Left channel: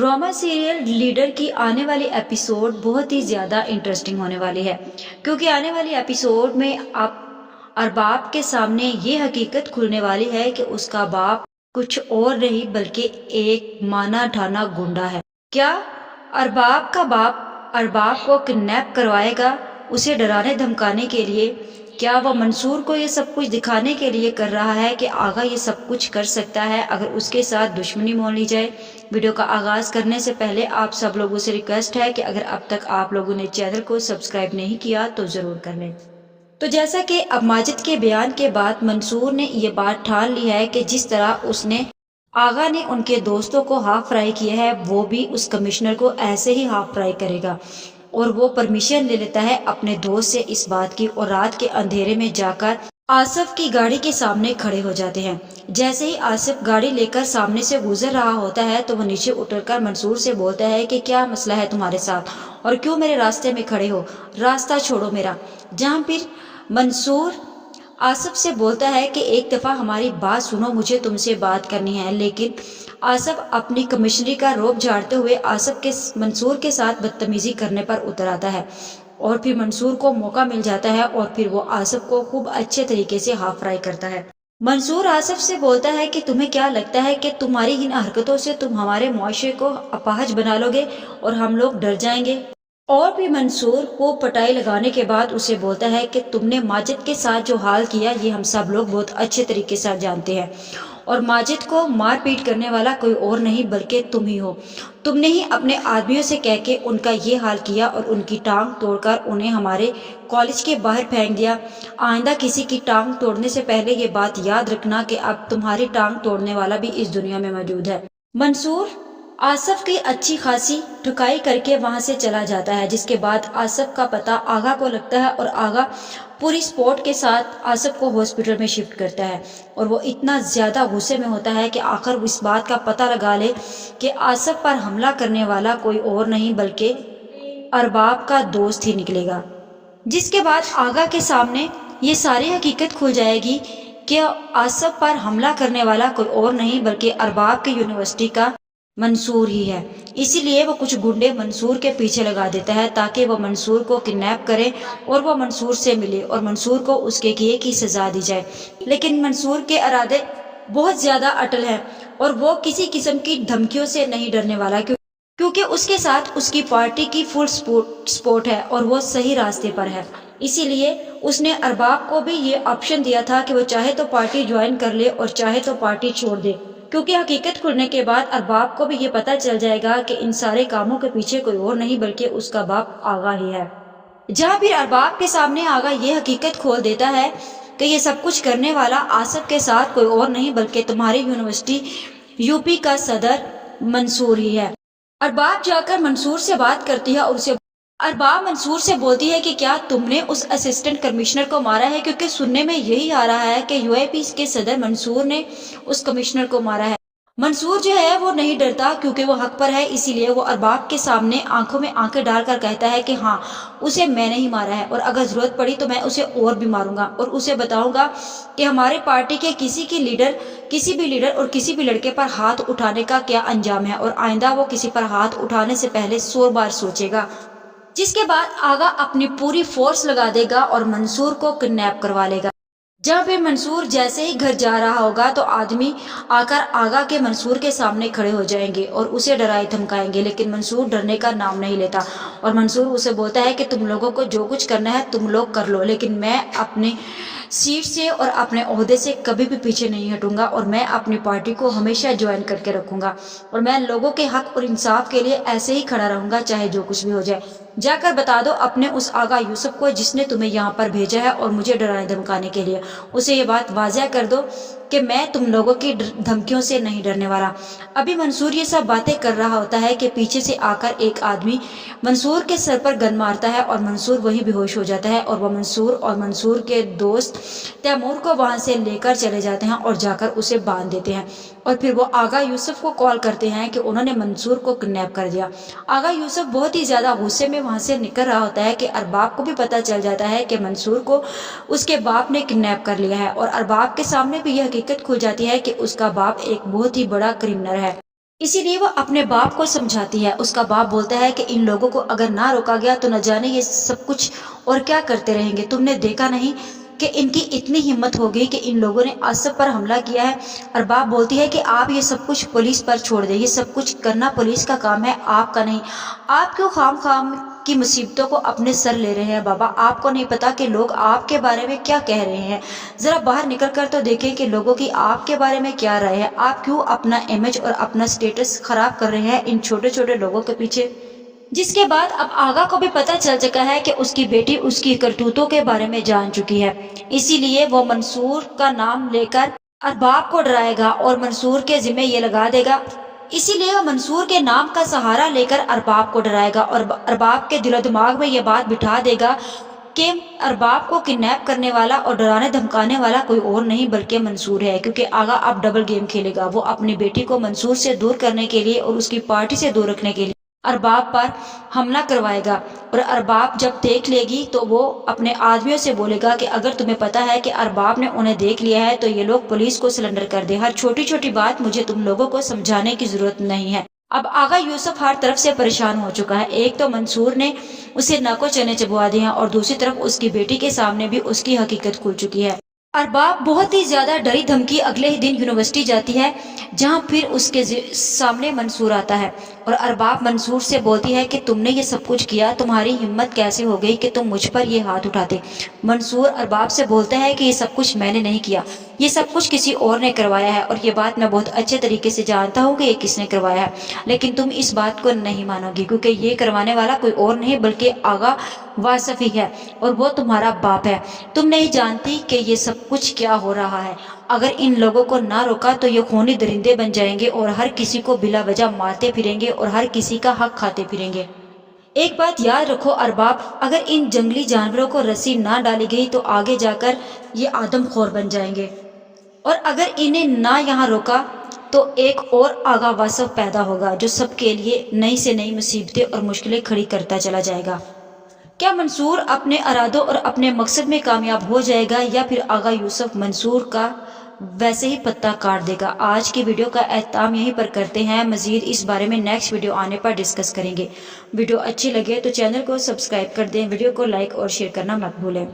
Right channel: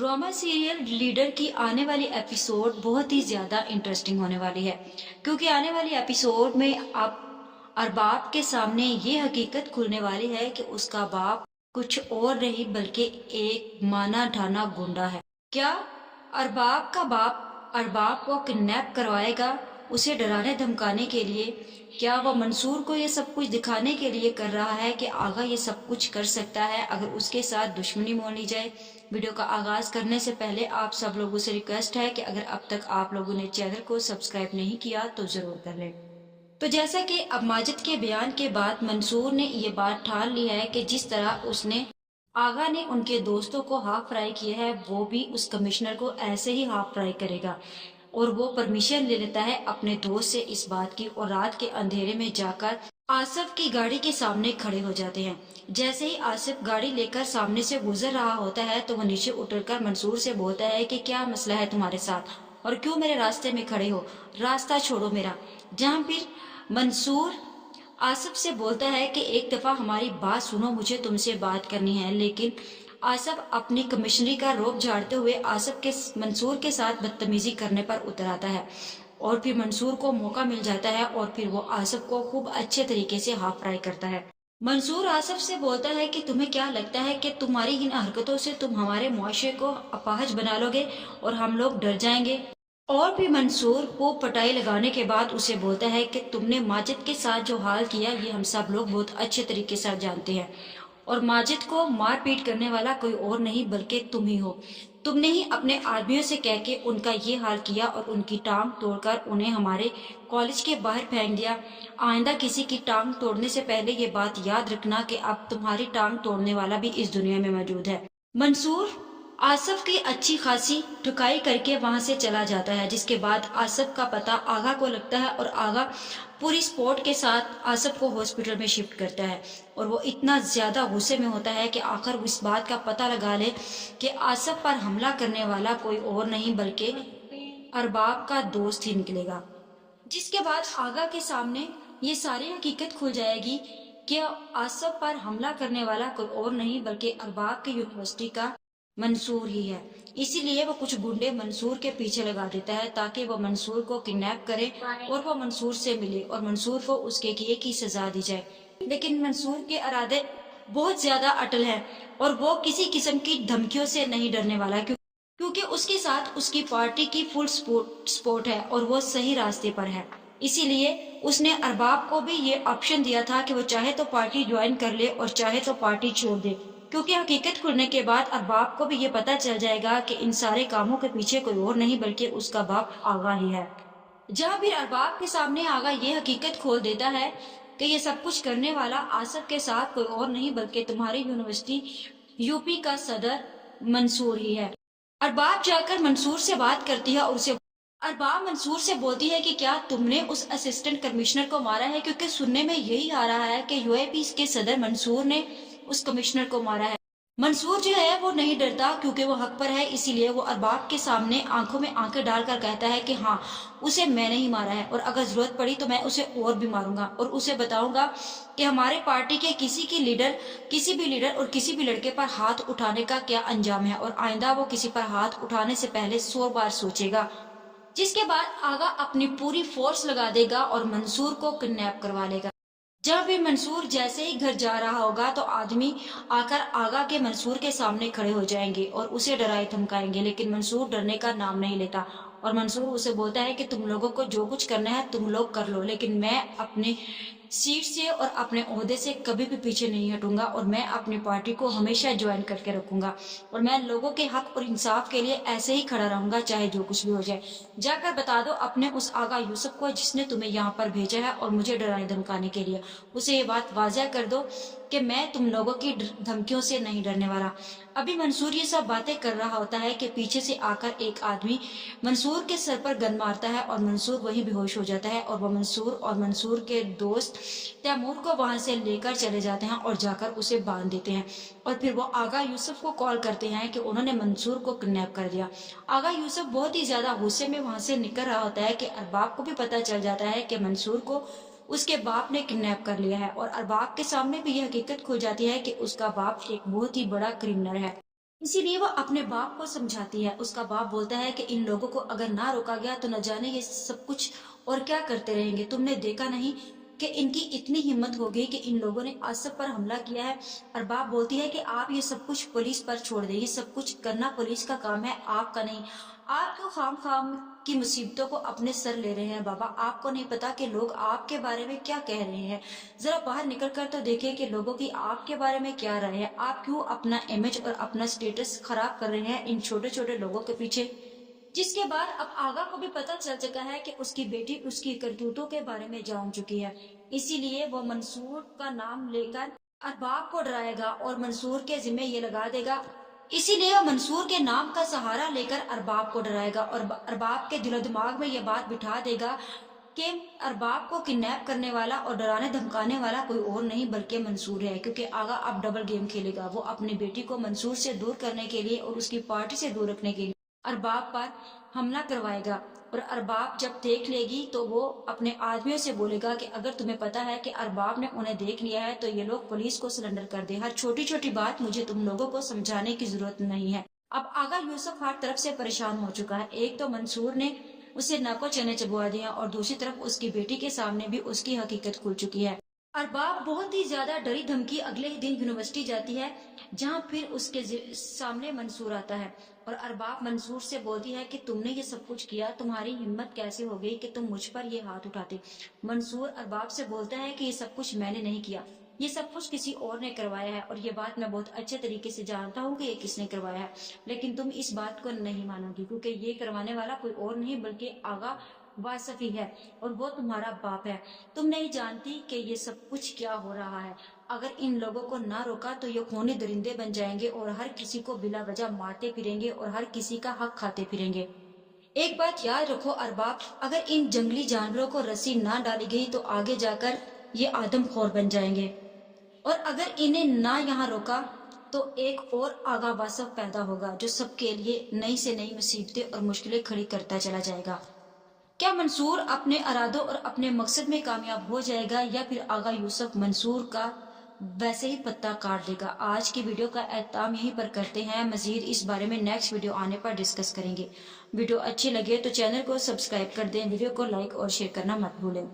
Drama serial leader की आने वाली एपिसोड बहुत ही ज़्यादा इंटरेस्टिंग होने वाली है, क्योंकि आने वाली एपिसोड में आप अरबाब के सामने ये हकीकत खुलने वाली है कि उसका बाप कुछ और नहीं बल्कि एक माना ढाना गुंडा है। क्या अरबाब का बाप अरबाब को किडनैप करवाएगा उसे डराने धमकाने के लिए? क्या वो मंसूर को ये सब कुछ दिखाने के लिए कर रहा है कि आगा ये सब कुछ कर सकता है अगर उसके साथ दुश्मनी मोल ली जाए? वीडियो का आगाज करने से पहले आप सब लोगों से रिक्वेस्ट है कि अगर अब तक आप लोगों ने चैनल को सब्सक्राइब नहीं किया तो जरूर कर लें। तो जैसा कि अब माजिद के बयान के बाद मंसूर ने ये बात ठान ली है कि जिस तरह उसने आगा ने उनके दोस्तों को हाफ फ्राई किया है, वो भी उस कमिश्नर को ऐसे ही हाफ फ्राई करेगा। और वो परमिशन ले लेता है अपने दोस्त से इस बात की और रात के अंधेरे में जाकर आसिफ की गाड़ी के सामने खड़े हो जाते हैं। जैसे ही आसिफ गाड़ी लेकर सामने से गुजर रहा होता है तो वो नीचे उतरकर मंसूर से बोलता है कि क्या मसला है तुम्हारे साथ और क्यों मेरे रास्ते में खड़े हो, रास्ता छोड़ो मेरा। जहाँ फिर मंसूर आसिफ से बोलता है कि एक दफा हमारी बात सुनो, मुझे तुमसे बात करनी है। लेकिन आसिफ अपनी कमिश्नरी का रोब झाड़ते हुए आसिफ के मंसूर के साथ बदतमीजी करने पर उतर आता है और फिर मंसूर को मौका मिल जाता है और फिर वो आसिफ को खूब अच्छे तरीके से हाफ फ्राई करता है। मंसूर आसिफ से बोलता है कि तुम्हें क्या लगता है कि तुम्हारी इन हरकतों से तुम हमारे मुआशरे को अपाहज बना लोगे और हम लोग डर जाएंगे? और भी मंसूर को पटाई लगाने के बाद उसे बोलता है कि तुमने माजिद के साथ जो हाल किया ये हम सब लोग बहुत अच्छे तरीके से जानते हैं और माजिद को मार पीट करने वाला कोई और नहीं बल्कि तुम ही हो। तुमने ही अपने आदमियों से कह के उनका ये हाल किया और उनकी टांग तोड़कर उन्हें हमारे कॉलेज के बाहर फेंक दिया। आइंदा किसी की टांग तोड़ने से पहले ये बात याद रखना कि अब तुम्हारी टांग तोड़ने वाला भी इस दुनिया में मौजूद है। मंसूर आसिफ की अच्छी खासी ठुकाई करके वहां से चला जाता है, जिसके बाद आसिफ का पता आगा को लगता है और आगा पूरी स्पोर्ट के साथ आसिफ को हॉस्पिटल में शिफ्ट करता है। और वो इतना ज्यादा गुस्से में होता है कि आखिर इस बात का पता लगा ले कि आसिफ पर हमला करने वाला कोई और नहीं बल्कि अरबाब का दोस्त ही निकलेगा। जिसके बाद आगा के सामने ये सारी हकीकत खुल जाएगी कि आसिफ पर हमला करने वाला कोई और नहीं बल्कि अरबाब की यूनिवर्सिटी का मंसूर ही है। इसीलिए वो कुछ गुंडे मंसूर के पीछे लगा देता है ताकि वो मंसूर को किडनैप करे और वो मंसूर से मिले और मंसूर को उसके किए की सजा दी जाए। लेकिन मंसूर के इरादे बहुत ज्यादा अटल हैं और वो किसी किस्म की धमकियों से नहीं डरने वाला, क्योंकि उसके साथ उसकी पार्टी की फुल सपोर्ट है और वो सही रास्ते पर है। इसीलिए उसने अरबाब को भी ये ऑप्शन दिया था कि वो चाहे तो पार्टी ज्वाइन कर ले और चाहे तो पार्टी छोड़ दे, क्योंकि हकीकत खुलने के बाद अरबाब को भी ये पता चल जाएगा कि इन सारे कामों के पीछे कोई और नहीं बल्कि उसका बाप आगा ही है। जहाँ फिर अरबाब के सामने आगा ये हकीकत खोल देता है कि ये सब कुछ करने वाला आसिफ के साथ कोई और नहीं बल्कि तुम्हारी यूनिवर्सिटी यूपी का सदर मंसूर ही है। अरबाब जाकर मंसूर से बात करती है और उसे अरबाब मंसूर से बोलती है कि क्या तुमने उस असिस्टेंट कमिश्नर को मारा है, क्योंकि सुनने में यही आ रहा है कि यूएपी के सदर मंसूर ने उस कमिश्नर को मारा है। मंसूर जो है वो नहीं डरता क्योंकि वो हक पर है, इसीलिए वो अरबाब के सामने आंखों में आंखें डालकर कहता है कि हाँ, उसे मैंने ही मारा है और अगर जरूरत पड़ी तो मैं उसे और भी मारूंगा और उसे बताऊंगा कि हमारे पार्टी के किसी भी लीडर और किसी भी लड़के पर हाथ उठाने का क्या अंजाम है और आइंदा वो किसी पर हाथ उठाने से पहले 100 बार सोचेगा। जिसके बाद आगा अपनी पूरी फोर्स लगा देगा और मंसूर को किडनैप करवा लेगा। जब भी मंसूर जैसे ही घर जा रहा होगा तो आदमी आकर आगा के मंसूर के सामने खड़े हो जाएंगे और उसे डराए धमकाएंगे, लेकिन मंसूर डरने का नाम नहीं लेता और मंसूर उसे बोलता है कि तुम लोगों को जो कुछ करना है तुम लोग कर लो, लेकिन मैं अपने सीट से और अपने ओहदे से कभी भी पीछे नहीं हटूंगा और मैं अपनी पार्टी को हमेशा ज्वाइन करके रखूंगा और मैं लोगों के हक और इंसाफ के लिए ऐसे ही खड़ा रहूंगा चाहे जो कुछ भी हो जाए। जाकर बता दो अपने उस आगा यूसुफ को जिसने तुम्हें यहाँ पर भेजा है और मुझे डराने धमकाने के लिए, उसे ये बात वाज़ह कर दो कि मैं तुम लोगों की धमकियों से नहीं डरने वाला। अभी मंसूर ये सब बातें कर रहा होता है कि पीछे से आकर एक आदमी मंसूर के सर पर गन मारता है और मंसूर वहीं बेहोश हो जाता है और वह मंसूर के दोस्त तैमूर को वहां से लेकर चले जाते हैं और जाकर उसे बांध देते हैं और फिर वो आगा यूसुफ को कॉल करते हैं कि उन्होंने मंसूर को किडनैप कर दिया। आगा यूसुफ बहुत ही ज्यादा गुस्से में वहां से निकल रहा होता है कि अरबाब को भी पता चल जाता है कि मंसूर को उसके बाप ने किडनैप कर लिया है और अरबाब के सामने भी यह हकीकत खुल जाती है कि उसका बाप एक बहुत ही बड़ा क्रिमिनल है। इसीलिए वो अपने बाप को समझाती है। उसका बाप बोलता है कि इन लोगों को अगर ना रोका गया तो न जाने ये सब कुछ और क्या करते रहेंगे। तुमने देखा नहीं कि इनकी इतनी हिम्मत हो गई कि इन लोगों ने असद पर हमला किया है। और बाप बोलती है कि आप ये सब कुछ पुलिस पर छोड़ दें, ये सब कुछ करना पुलिस का काम है, आपका नहीं। आप क्यों खाम खाम की मुसीबतों को अपने सर ले रहे हैं बाबा? आपको नहीं पता कि लोग आपके बारे में क्या कह रहे हैं? जरा बाहर निकल कर तो देखें कि लोगों की आपके बारे में क्या राय है। आप क्यों अपना इमेज और अपना स्टेटस खराब कर रहे हैं इन छोटे छोटे लोगों के पीछे? जिसके बाद अब आगा को भी पता चल चुका है कि उसकी बेटी उसकी करतूतों के बारे में जान चुकी है। इसीलिए वो मंसूर का नाम लेकर अरबाब को डराएगा और मंसूर के जिम्मे ये लगा देगा। इसीलिए वो मंसूर के नाम का सहारा लेकर अरबाब को डराएगा और अरबाब के दिलो दिमाग में ये बात बिठा देगा कि अरबाब को किडनैप करने वाला और डराने धमकाने वाला कोई और नहीं बल्कि मंसूर है। क्योंकि आगा अब डबल गेम खेलेगा। वो अपनी बेटी को मंसूर से दूर करने के लिए और उसकी पार्टी से दूर रखने के लिए अरबाब पर हमला करवाएगा। और अरबाब जब देख लेगी तो वो अपने आदमियों से बोलेगा कि अगर तुम्हें पता है कि अरबाब ने उन्हें देख लिया है तो ये लोग पुलिस को सरेंडर कर दे। हर छोटी छोटी बात मुझे तुम लोगों को समझाने की जरूरत नहीं है। अब आगा यूसुफ हर तरफ से परेशान हो चुका है। एक तो मंसूर ने उसे नाको चने चबवा दिए हैं और दूसरी तरफ उसकी बेटी के सामने भी उसकी हकीकत खुल चुकी है। अरबाब बहुत ही ज्यादा डरी धमकी अगले ही दिन यूनिवर्सिटी जाती है, जहां फिर उसके सामने मंसूर आता है और अरबाब मंसूर से बोलती है कि तुमने ये सब कुछ किया, तुम्हारी हिम्मत कैसे हो गई कि तुम मुझ पर ये हाथ उठाते। मंसूर अरबाब से बोलता है कि ये सब कुछ मैंने नहीं किया, ये सब कुछ किसी और ने करवाया है और ये बात मैं बहुत अच्छे तरीके से जानता हूँ कि ये किसने करवाया है। लेकिन तुम इस बात को नहीं मानोगी क्योंकि ये करवाने वाला कोई और नहीं बल्कि आगा वासफी है और वो तुम्हारा बाप है। तुम नहीं जानती कि ये सब कुछ क्या हो रहा है। अगर इन लोगों को ना रोका तो ये खूनी दरिंदे बन जाएंगे और हर किसी को बिला वजह मारते फिरेंगे और हर किसी का हक खाते फिरेंगे। एक बात याद रखो अरबाब, अगर इन जंगली जानवरों को रस्सी ना डाली गई तो आगे जाकर ये आदमखोर बन जाएंगे और अगर इन्हें ना यहाँ रोका तो एक और आगा वासफ पैदा होगा जो सबके लिए नई से नई मुसीबतें और मुश्किलें खड़ी करता चला जाएगा। क्या मंसूर अपने इरादों और अपने मकसद में कामयाब हो जाएगा या फिर आगा यूसुफ मंसूर का वैसे ही पत्ता काट देगा? आज की वीडियो का एहतमाम यहीं पर करते हैं। मजीद इस बारे में नेक्स्ट वीडियो आने पर डिस्कस करेंगे। वीडियो अच्छी लगे तो चैनल को सब्सक्राइब कर दें, वीडियो को लाइक और शेयर करना मत भूलें।